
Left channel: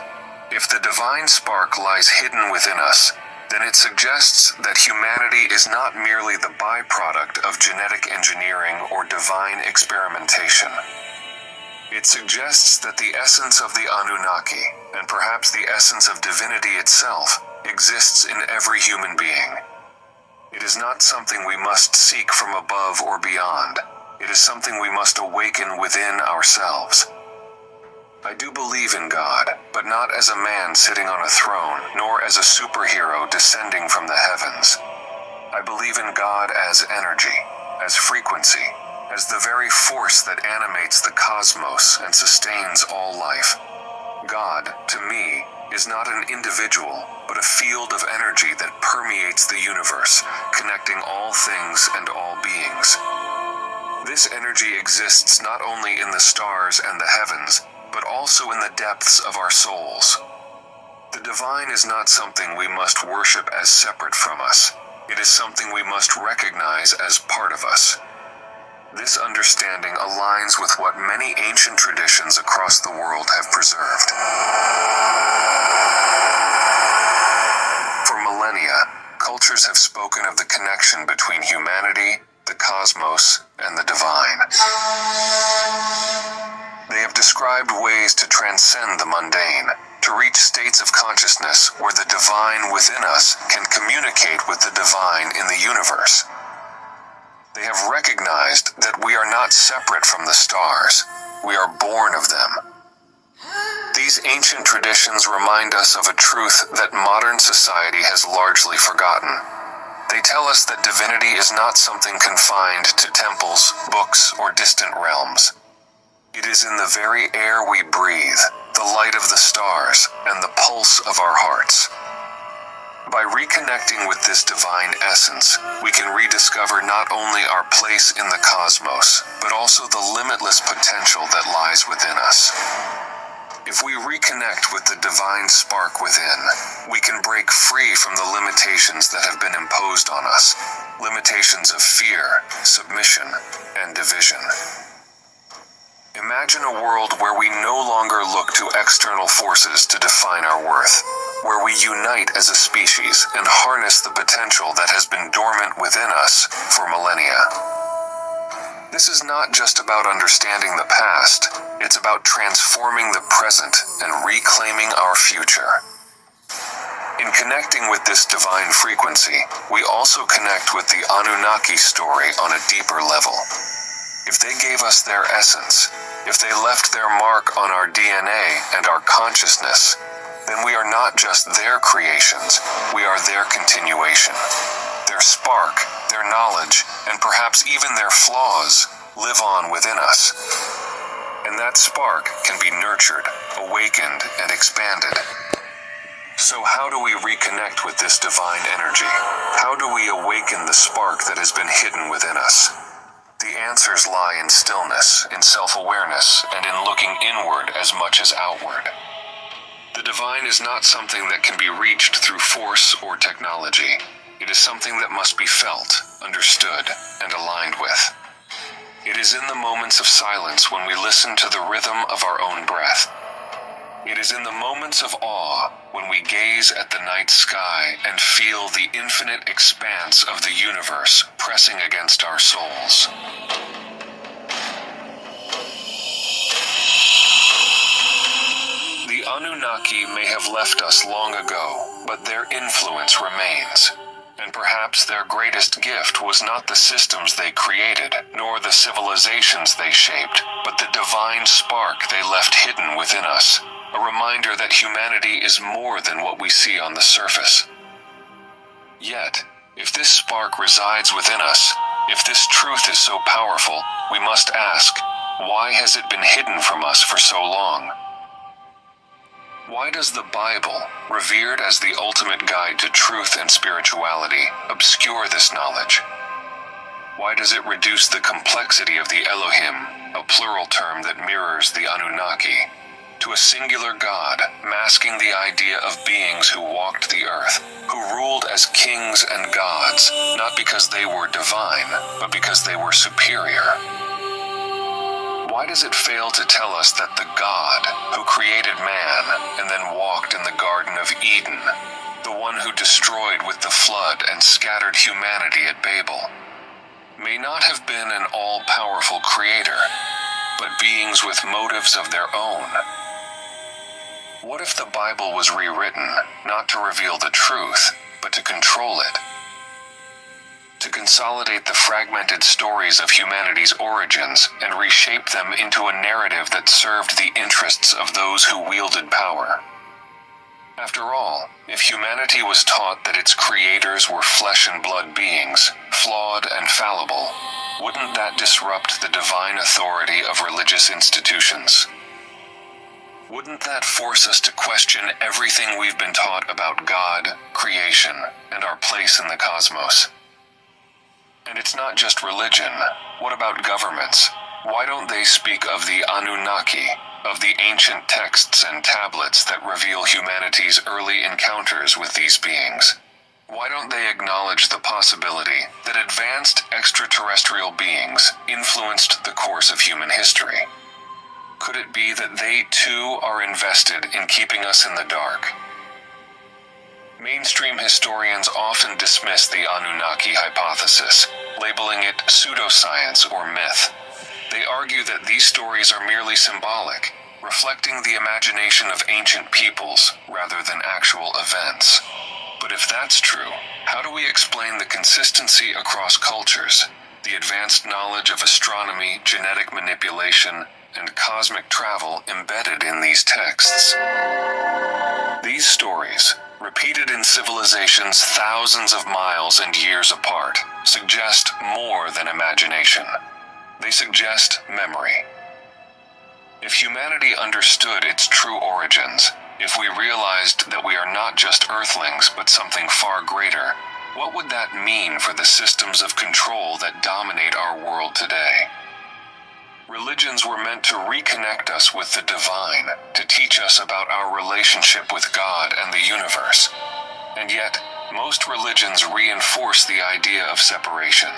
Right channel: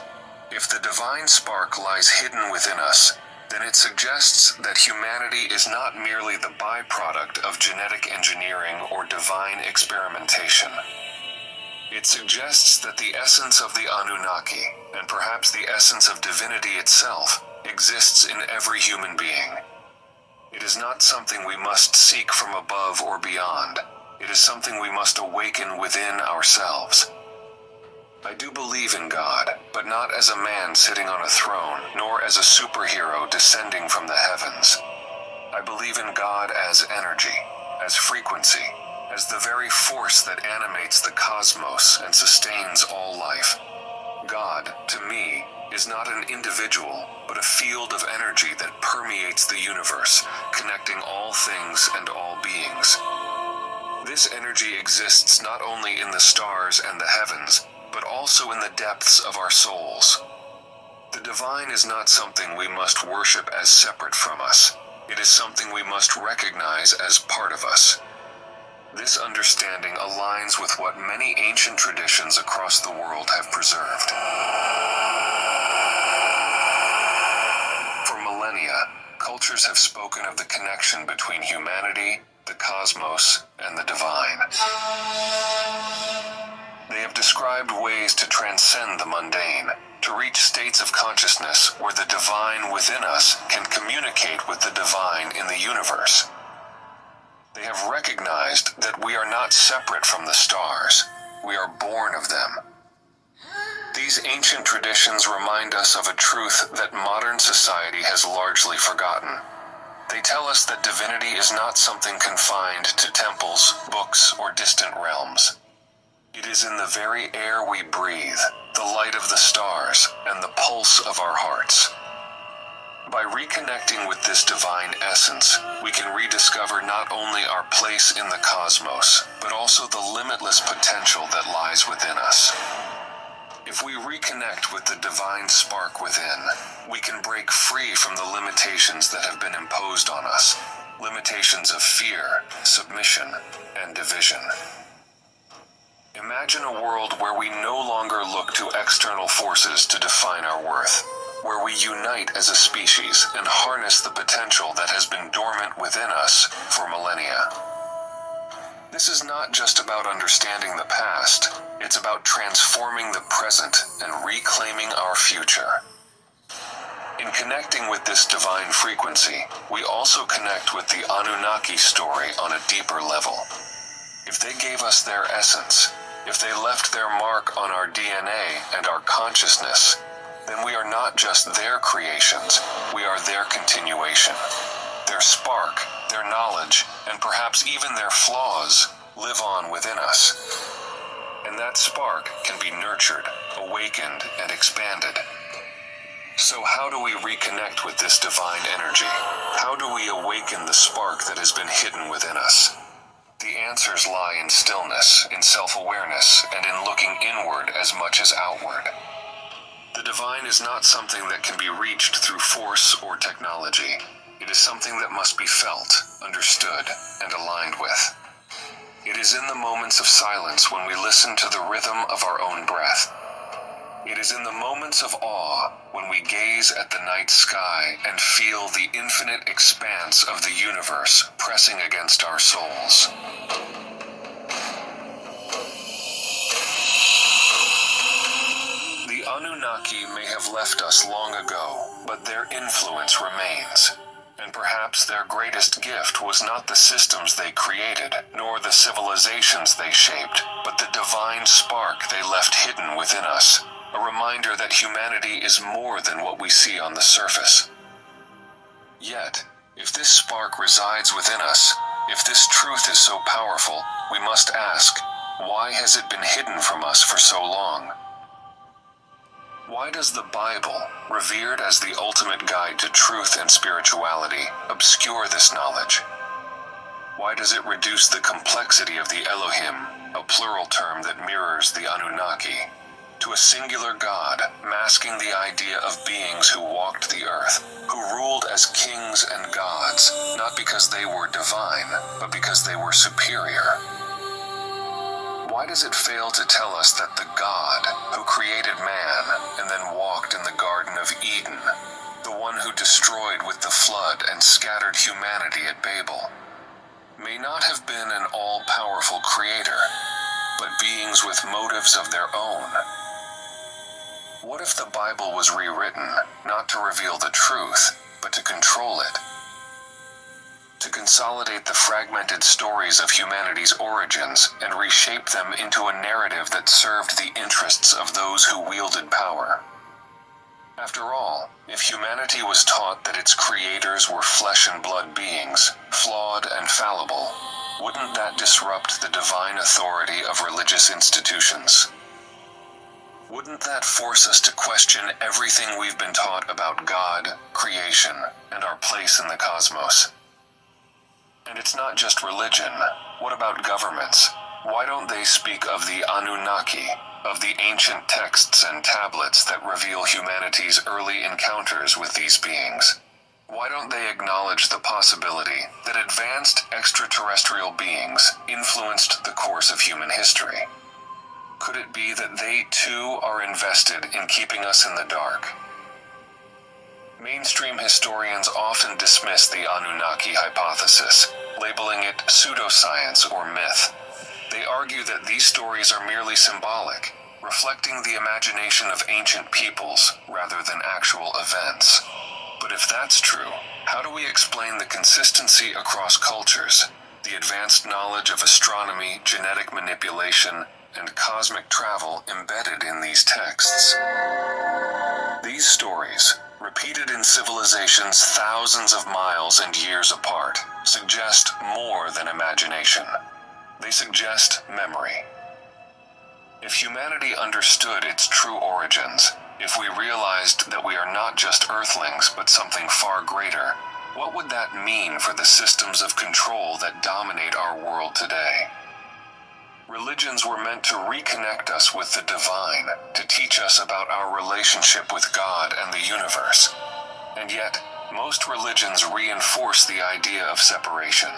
If the divine spark lies hidden within us, then it suggests that humanity is not merely the byproduct of genetic engineering or divine experimentation. It suggests that the essence of the Anunnaki, and perhaps the essence of divinity itself, exists in every human being. It is not something we must seek from above or beyond. It is something we must awaken within ourselves. I do believe in God, but not as a man sitting on a throne, nor as a superhero descending from the heavens. I believe in God as energy, as frequency, as the very force that animates the cosmos and sustains all life. God, to me, is not an individual, but a field of energy that permeates the universe, connecting all things and all beings. This energy exists not only in the stars and the heavens, but also in the depths of our souls. The divine is not something we must worship as separate from us. It is something we must recognize as part of us. This understanding aligns with what many ancient traditions across the world have preserved. For millennia, cultures have spoken of the connection between humanity, the cosmos, and the divine. They have described ways to transcend the mundane, to reach states of consciousness where the divine within us can communicate with the divine in the universe. They have recognized that we are not separate from the stars. We are born of them. These ancient traditions remind us of a truth that modern society has largely forgotten. They tell us that divinity is not something confined to temples, books, or distant realms. It is in the very air we breathe, the light of the stars, and the pulse of our hearts. By reconnecting with this divine essence, we can rediscover not only our place in the cosmos, but also the limitless potential that lies within us. If we reconnect with the divine spark within, we can break free from the limitations that have been imposed on us, limitations of fear, submission, and division. Imagine a world where we no longer look to external forces to define our worth, where we unite as a species and harness the potential that has been dormant within us for millennia. This is not just about understanding the past, it's about transforming the present and reclaiming our future. In connecting with this divine frequency, we also connect with the Anunnaki story on a deeper level. If they gave us their essence, if they left their mark on our DNA and our consciousness, then we are not just their creations, we are their continuation. Their spark, their knowledge, and perhaps even their flaws live on within us. And that spark can be nurtured, awakened, and expanded. So how do we reconnect with this divine energy? How do we awaken the spark that has been hidden within us? The answers lie in stillness, in self-awareness, and in looking inward as much as outward. The divine is not something that can be reached through force or technology. It is something that must be felt, understood, and aligned with. It is in the moments of silence when we listen to the rhythm of our own breath. It is in the moments of awe when we gaze at the night sky and feel the infinite expanse of the universe pressing against our souls. The Anunnaki may have left us long ago, but their influence remains. And perhaps their greatest gift was not the systems they created, nor the civilizations they shaped, but the divine spark they left hidden within us. A reminder that humanity is more than what we see on the surface. Yet, if this spark resides within us, if this truth is so powerful, we must ask, why has it been hidden from us for so long? Why does the Bible, revered as the ultimate guide to truth and spirituality, obscure this knowledge? Why does it reduce the complexity of the Elohim, a plural term that mirrors the Anunnaki, to a singular God, masking the idea of beings who walked the earth, who ruled as kings and gods, not because they were divine, but because they were superior? Why does it fail to tell us that the God who created man and then walked in the Garden of Eden, the one who destroyed with the flood and scattered humanity at Babel, may not have been an all-powerful creator, but beings with motives of their own? What if the Bible was rewritten, not to reveal the truth, but to control it? To consolidate the fragmented stories of humanity's origins and reshape them into a narrative that served the interests of those who wielded power. After all, if humanity was taught that its creators were flesh and blood beings, flawed and fallible, wouldn't that disrupt the divine authority of religious institutions? Wouldn't that force us to question everything we've been taught about God, creation, and our place in the cosmos? And it's not just religion. What about governments? Why don't they speak of the Anunnaki, of the ancient texts and tablets that reveal humanity's early encounters with these beings? Why don't they acknowledge the possibility that advanced extraterrestrial beings influenced the course of human history? Could it be that they too are invested in keeping us in the dark? Mainstream historians often dismiss the Anunnaki hypothesis, labeling it pseudoscience or myth. They argue that these stories are merely symbolic, reflecting the imagination of ancient peoples rather than actual events. But if that's true, how do we explain the consistency across cultures, the advanced knowledge of astronomy, genetic manipulation, and cosmic travel embedded in these texts? These stories, repeated in civilizations thousands of miles and years apart, suggest more than imagination. They suggest memory. If humanity understood its true origins, if we realized that we are not just earthlings but something far greater, what would that mean for the systems of control that dominate our world today? Religions were meant to reconnect us with the divine, to teach us about our relationship with God and the universe. And yet, most religions reinforce the idea of separation.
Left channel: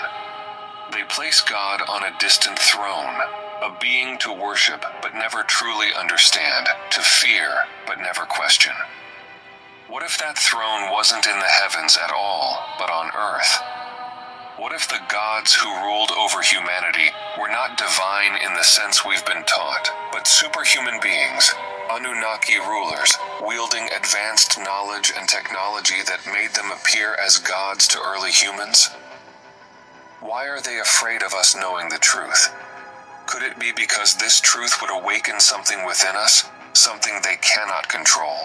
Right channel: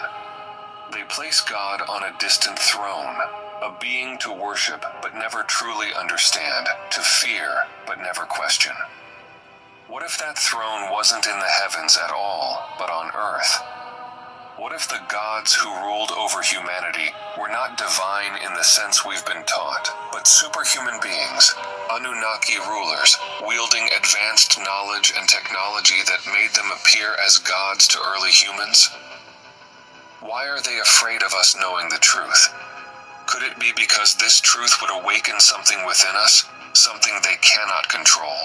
They place God on a distant throne, a being to worship but never truly understand, to fear but never question. What if that throne wasn't in the heavens at all, but on earth? What if the gods who ruled over humanity were not divine in the sense we've been taught, but superhuman beings, Anunnaki rulers, wielding advanced knowledge and technology that made them appear as gods to early humans? Why are they afraid of us knowing the truth? Could it be because this truth would awaken something within us, something they cannot control?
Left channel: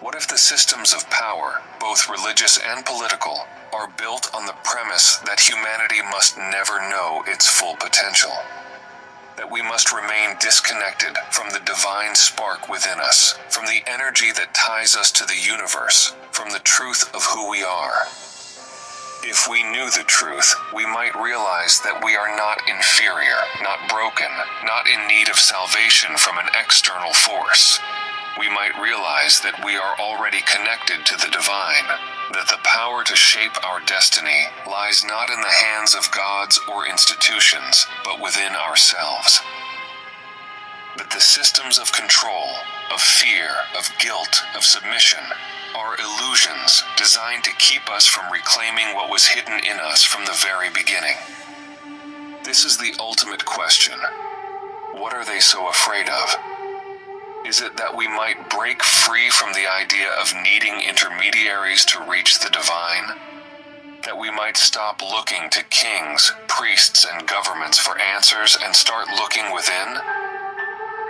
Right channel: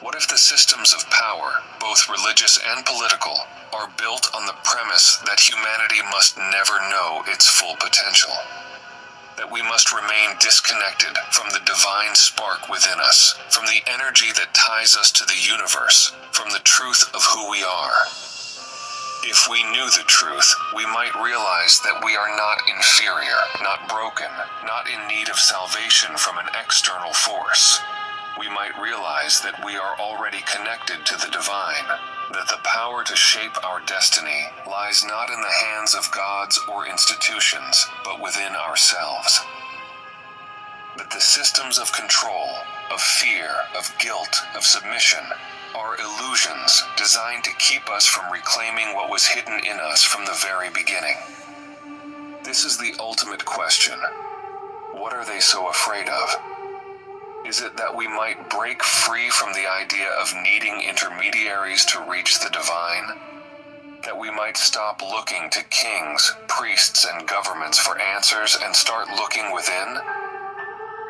What if the systems of power, both religious and political, are built on the premise that humanity must never know its full potential? That we must remain disconnected from the divine spark within us, from the energy that ties us to the universe, from the truth of who we are? If we knew the truth, we might realize that we are not inferior, not broken, not in need of salvation from an external force. We might realize that we are already connected to the divine, that the power to shape our destiny lies not in the hands of gods or institutions, but within ourselves. That the systems of control, of fear, of guilt, of submission, are illusions designed to keep us from reclaiming what was hidden in us from the very beginning. This is the ultimate question. What are they so afraid of? Is it that we might break free from the idea of needing intermediaries to reach the divine? That we might stop looking to kings, priests, and governments for answers and start looking within?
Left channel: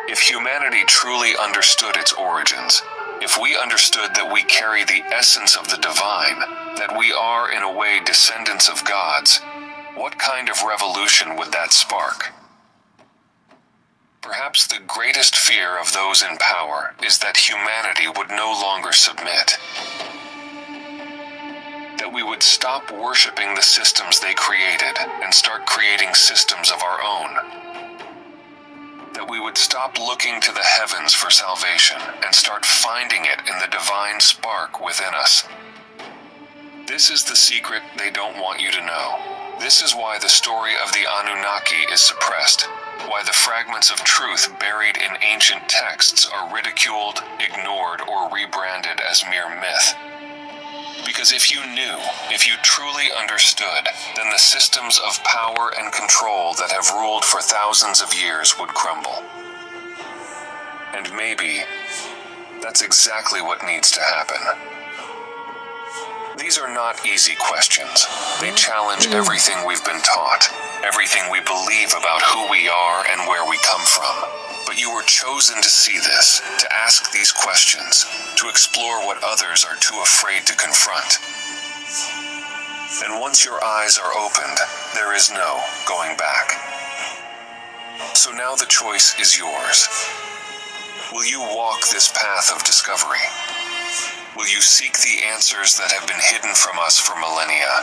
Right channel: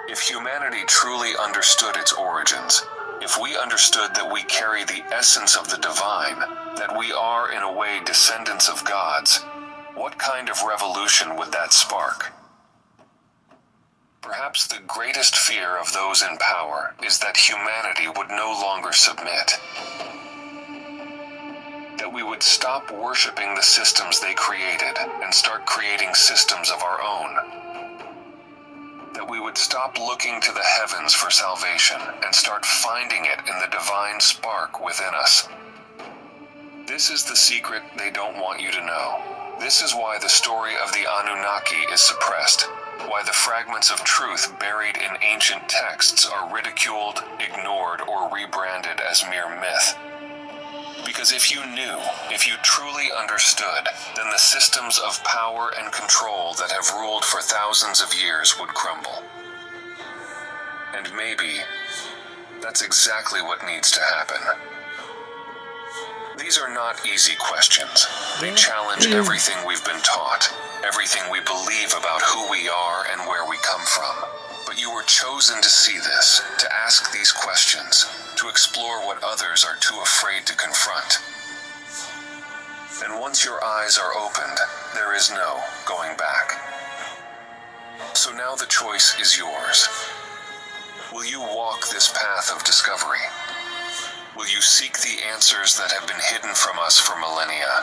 If humanity truly understood its origins, if we understood that we carry the essence of the divine, that we are in a way descendants of gods, what kind of revolution would that spark? Perhaps the greatest fear of those in power is that humanity would no longer submit. That we would stop worshiping the systems they created and start creating systems of our own. That we would stop looking to the heavens for salvation and start finding it in the divine spark within us. This is the secret they don't want you to know. This is why the story of the Anunnaki is suppressed. Why the fragments of truth buried in ancient texts are ridiculed, ignored, or rebranded as mere myth. Because if you knew, if you truly understood, then the systems of power and control that have ruled for thousands of years would crumble. And maybe that's exactly what needs to happen. These are not easy questions. They challenge everything we've been taught, everything we believe about who we are and where we come from. But you were chosen to see this, to ask these questions, to explore what others are too afraid to confront. And once your eyes are opened, there is no going back. So now the choice is yours. Will you walk this path of discovery? Will you seek the answers that have been hidden from us for millennia?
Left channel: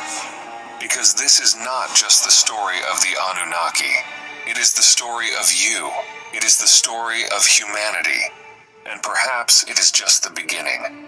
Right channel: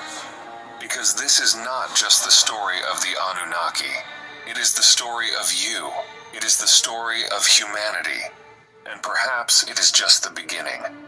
Because this is not just the story of the Anunnaki. It is the story of you. It is the story of humanity. And perhaps it is just the beginning.